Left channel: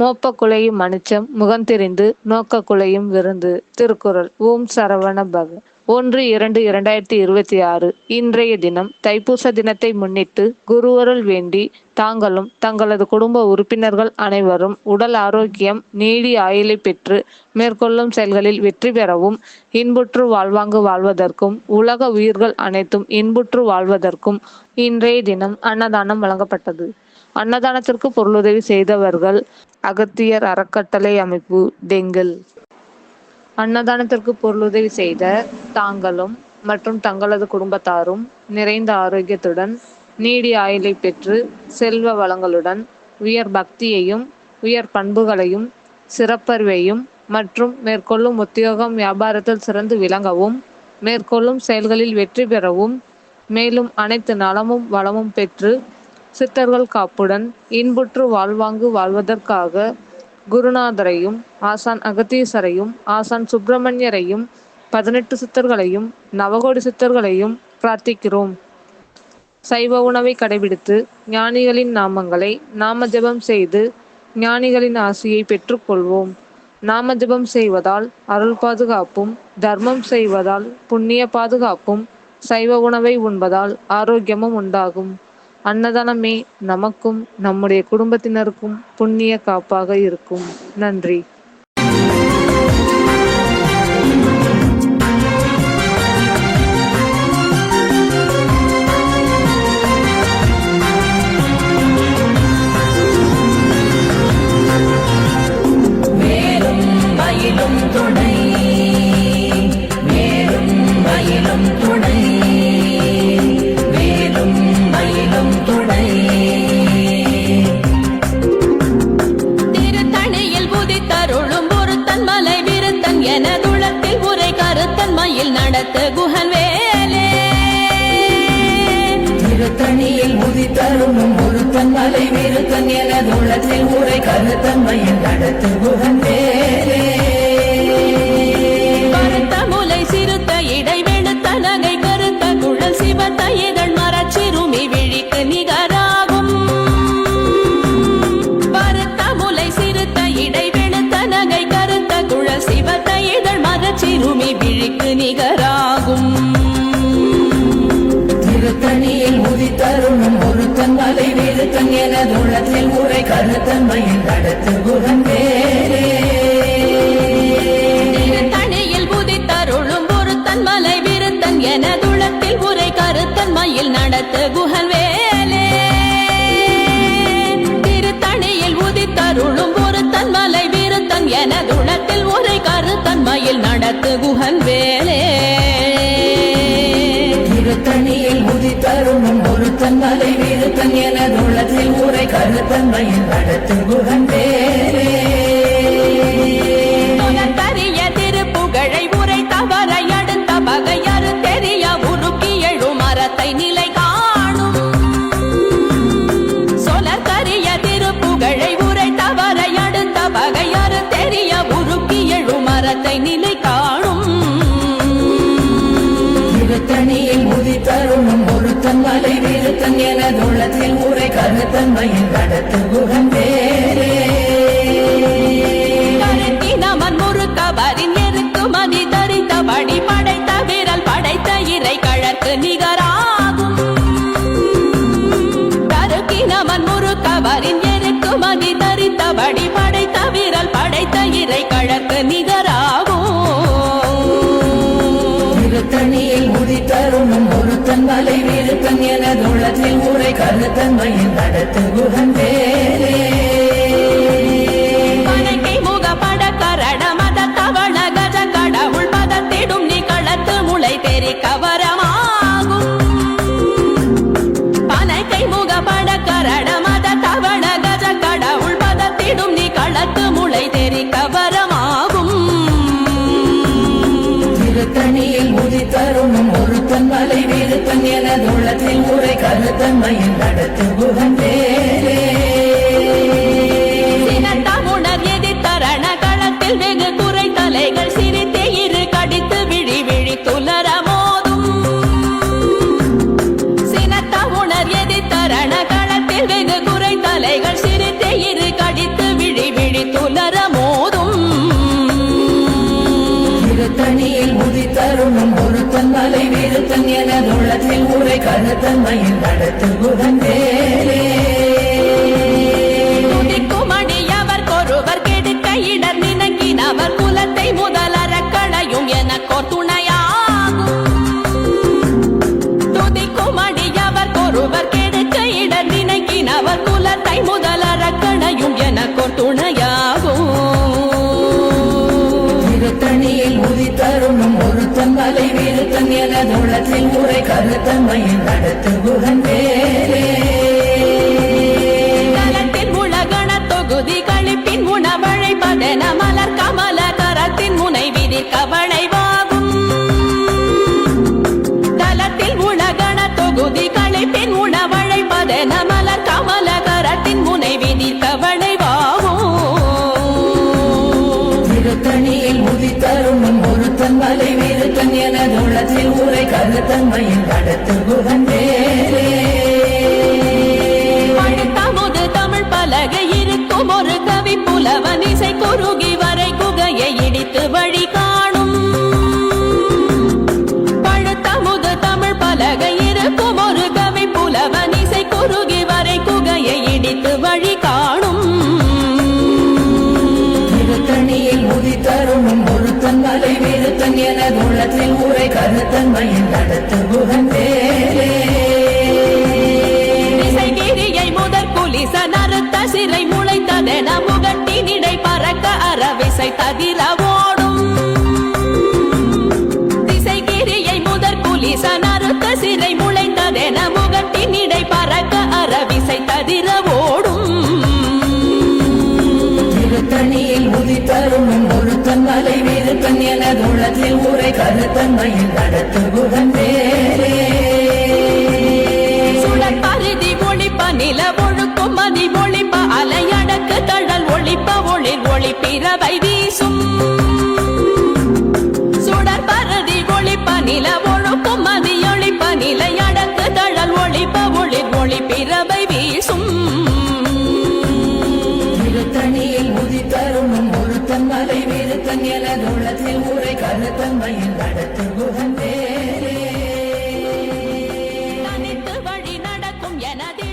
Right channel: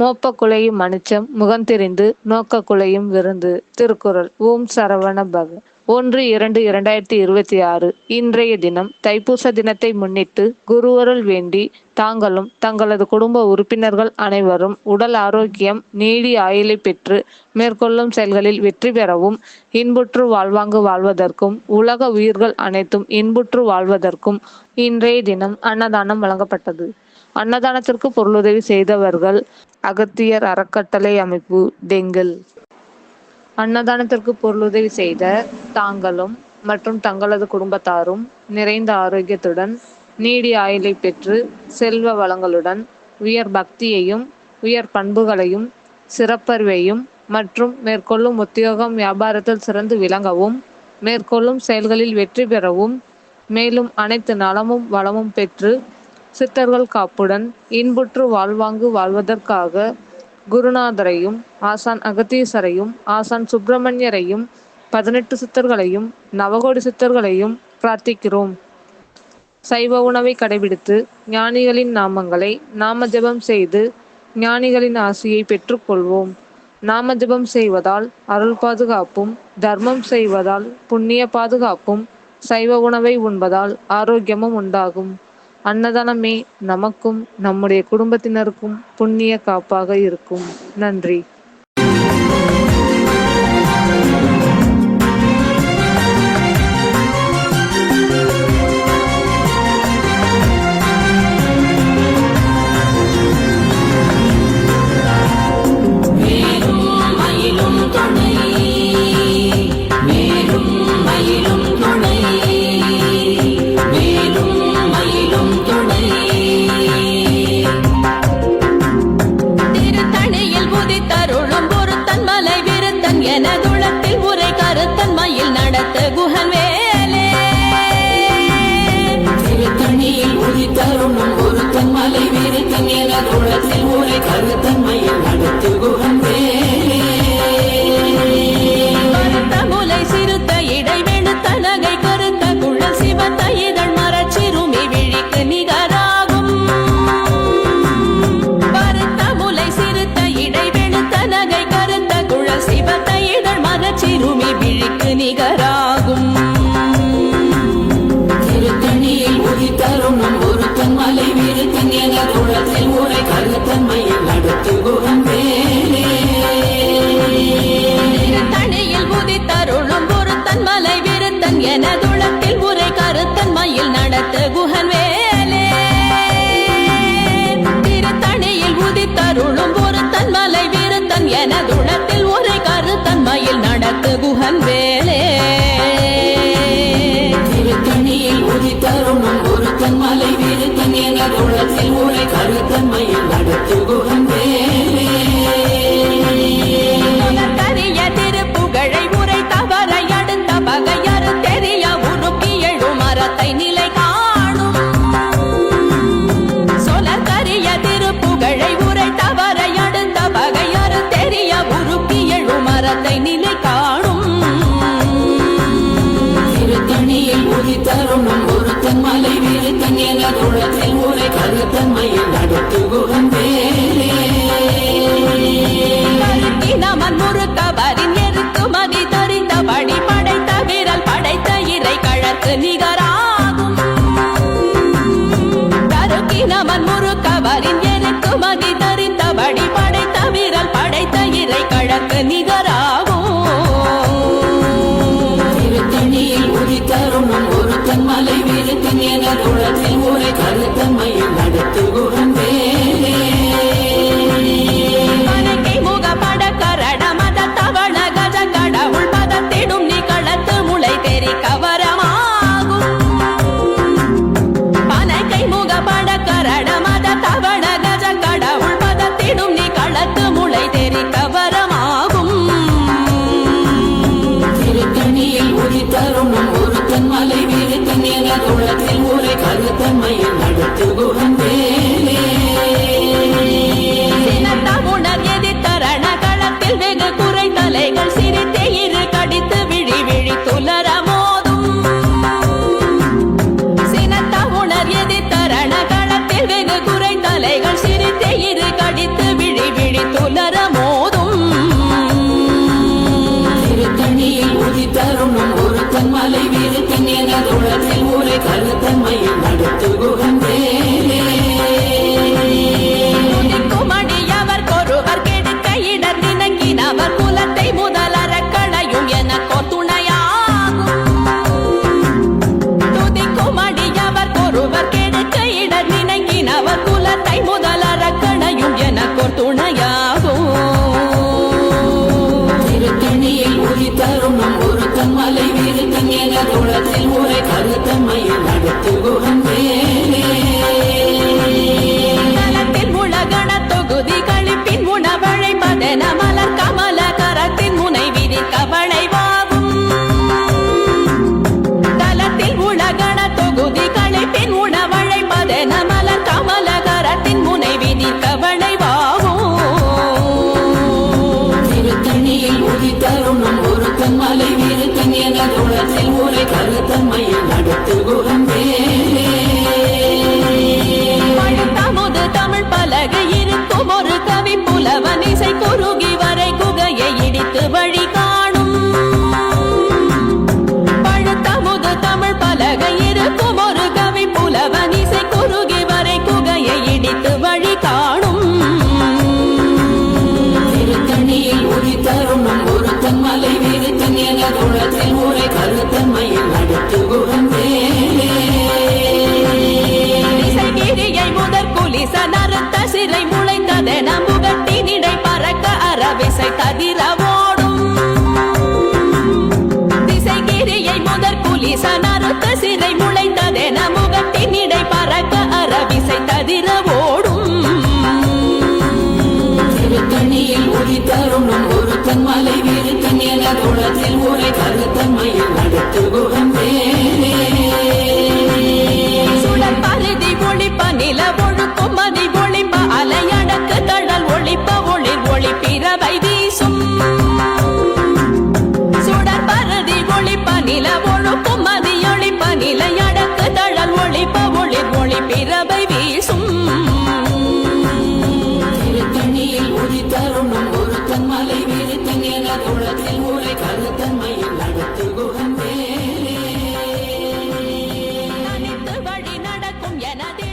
மோப்ப குலையும் மனுச்சம் முகந்தெரிந்து நோக்க குலையும் விருந்து. திருக்குறள். ஓம் சரவண பவ. 1-2-2026 இன்றைய தினம் தைப்பூச தினத்தை முன்னிட்டு குருவருள் வேண்டி தாங்களும் தங்களது குடும்ப உறுப்பினர்கள் அனைவரும் உடல் ஆரோக்கியம் நீடி ஆயுளை பெற்று மேற்கொள்ளும் செயல்களில் வெற்றி பெறவும் இன்புற்று வாழ்வாங்கு வாழ்வதற்கும் உலக உயிர்கள் அனைத்தும் இன்புற்று வாழ்வதற்கும் இன்றைய தினம் அன்னதானம் வழங்கப்பட்டது. அன்னதானத்திற்கு பொருளுதவி செய்தவர்கள் அகத்தியர் அறக்கட்டளை அமைப்பு டெங்கல். அன்னதானத்திற்கு பொருளுதவி செய்த தாங்களும் மற்றும் தங்களது குடும்பத்தாரும் நிறைந்த ஆரோக்கியத்துடன் நீடி ஆயுளை பெற்று செல்வ வளங்களுடன் உயர் பக்தியையும் உயர் பண்புகளையும் சிறப்பறிவையும் மற்றும் மேற்கொள்ளும் உத்தியோகம் வியாபாரத்தில் சிறந்து விளங்கவும் மேற்கொள்ளும் செயல்களில் வெற்றி பெறவும் மேலும் அனைத்து நலமும் வளமும் பெற்று சித்தர்கள் காப்புடன் இன்புற்று வாழ்வாங்கு வாழ்வதற்காக குருநாதரையும் ஆசான் அகத்தீசரையும் ஆசான் சுப்பிரமணியரையும் 18 சித்தர்களையும் நவகோடி சித்தர்களையும் பிரார்த்திக்கிறோம். சைவ உணவை கடைபிடித்து ஞானிகளின் நாமங்களை நாம ஜெபம் செய்து ஞானிகளின் ஆசியை பெற்றுக்கொள்வோம். நாம ஜெபம் செய்வதால் அருள் பாதுகாப்பும், தர்மம் செய்வதால் புண்ணிய பாதுகாப்பும், சைவ உணவை உண்பதால் ஆரோக்கியமும் உண்டாகும். அன்னதானமே நமக்கும் நம்முடைய குடும்பத்தினருக்கும் புண்ணிய காப்பாக இருக்கும். நன்றி. எனதுளத்தில் உரை கருத்தன்மையில் நடத்த குஹன் வேலே. திருத்தணியில் உதித்தருளும் ஒருத்தன் மலை விருத்தன் எனதுளத்தில் உரை கருத்தன்மையில் நடத்து குஹன் வேலே. கருத்த முலை சிறுத்த இடை வெளுத்த நகை கருத்த குழல் சிவத்த இதழ் மரச்சிறுமி விழிக்கு நிகராகும். கருத்த முலை சிறுத்த இடை வெளுத்த நகை கருத்த குழல் சிவத்த இதழ் மரச்சிறுமி விழிக்கு நிகராகும். திருத்தணியில் உதித்தருளும் ஒருத்தன் மலை விருத்தன் எனதுளத்தில் உரை கருத்தன்மையில் நடத்து குஹன் வேலே. திருத்தணியில் உதித்தருளும் ஒருத்தன் மலை விருத்தன் எனதுளத்தில் உரை கருத்தன்மையில் நடத்து குஹன் வேலே. திருத்தணியில் உதித்தருளும் ஒருத்தன் மலை விருத்தன் எனதுளத்தில் உரை கருத்தன்மையில் நடத்து குஹன் வேலே. திருத்தணியில் உதித்தருளும் ஒருத்தன் மலை விருத்தன் எனதுளத்தில் உரை கருத்தன்மையில் நடத்து குஹன் வேலே. கரிய திருப்புகழை உரை தவறை அடுத்த பகையறு தெரிய உருக்கி எழும் மரத்தை நிலை காணும். சொலக்கரிய திருப்புகழை உரை தவறை அடுத்த பகையறு தெரிய உருக்கி எழும் மரத்தை நிலை காணும். திருத்தணியில் உதித்தருளும் ஒருத்தன் மலை விருத்தன் எனதுளத்தில் உரை கருத்தன்மையில் நடத்து குஹன் வேலே. நமன் முறுக்கவரின் எருக்கு மதி தரித்தபடி படைத்த விரல் படைத்த இறை கழற்கு நிகராகும். தருக்கி நமன் முறுக்கவரின் எருக்கு மதி தரித்தபடி படைத்த விரல் படைத்த இறை கழற்கு நிகராகும். திருத்தணியில் உதித்தருளும் ஒருத்தன் மலை விருத்தன் எனதுளத்தில் உரை கருத்தன்மையில் நடத்து குஹன் வேலே. கரட மத தவள கஜ கடவுள் பதத்திடும் நீ களத்து முளை தெரி கவரமாகும் பனைக்கை முகப்பட கரட மத தவள கஜ கடவுள் பதத்திடும் நீ களத்து முளை தெரி கவரமாகும் திருத்தணியில் உதித்தருணும் ஒருத்தன் மலை விருத்தன் என உள்ளத்தில் உரை கருத்தன்மையில் நடத்து குகந்தேரே சினத்தமுணர் எதிர்த்தரண களத்தில் வெகு குறை தலைகள் சிரித்தே இரு கடித்து விழி விழி துலர மோதும் சினத்தமுணர் எதிர்த்தரண களத்தில் வெகு குறை தலைகள் சிரித்தே இரு கடித்து விழி விழி துலர மோதும் திருத்தணியில் உதித்தருணும் ஒருத்தன் மலை விருத்தன் என உள்ளத்தில் உரை கருத்தன்மையில் நடத்து குகந்தேரே துதிக்குமடியவர் கொருவர் கெடுக்க இடர் நினைக்கினவர் குலத்தை முதலற களையும் எனக்கோர் துணையாகும் துதிக்குமடியவர் கொருவர் கெடுக்க இடர் நினைக்கினவர் குலத்தை முதலற களையும் எனக்கோர் துணையாகும் திருத்தணியில் உதித்தருணும் ஒருத்தன் மலை விருத்தன் என உள்ளத்தில் உரை கருத்தன்மையில் நடத்து குகந்தேரே தலத்தில் உலகண தொகுதி கழிப்பின் உணவழைப்பதென மலர் கமல கரத்தின் முனை விதிர் கவளைவாகும் தலத்தில் உலகண தொகுதி கழிப்பின் உணவழைப்பதென மலர் கமல கரத்தின் முனை விதிர் கவளைவாகும் திருத்தணியில் உதித்தருணும் ஒருத்தன் மலை விருத்தன் என உள்ளத்தில் உரை கருத்தன்மையில் நடத்து குகந்தேரே பழுத்தமுது தமிழ் பலகை இருக்கும் ஒரு கவி புலவன் இசை குறுகி வரை குகையை இடித்து வழி காணும் பழுத்தமுது தமிழ் பலகை இருக்கும் ஒரு கவி புலவன் இசை குறுகி வரை குகையை இடித்து வழி காணும் திருத்தணியில் உதித்தருணும் ஒருத்தன் மலை விருத்தன் என உள்ளத்தில் உரை கருத்தன்மையில் நடத்து குகந்தேரே திசைகிரியை முதற் குலிச நறுத்த சிறை முளைத்ததென முகட்டினிடை பறக்க அறவிசை ததிர ஓடும் திசைகிரியை முதற் குலிச நறுத்த சிறை முளைத்ததென முகட்டினிடை பறக்க அறவிசை ததிர ஓடும் திருத்தணியில் உதித்தருணும் ஒருத்தன் மலை விருத்தன் என உள்ளத்தில் உரை கருத்தன்மையில் நடத்து குகந்தேரே சுடர் பருதி ஒளிப்ப நில ஒழுக்கும் மதி ஒளிப்ப அலையடக்கு தழல் ஒளிப்ப ஒளிர் ஒளி பிறவை வீசும் சுடர் பருதி ஒளிப்ப நில ஒழுக்கும் மதி ஒளிப்ப நிலையடக்கு தழல் ஒளிப்ப ஒளிர் ஒளி பிறவை வீசும் திருத்தணியில் உதித்தருணும் ஒருத்தன் மலை விருத்தன் என உள்ளத்தில் உரை கருத்தன்மையில் நடத்து குகந்தேரே தனித்து வழி நடக்கும் எனது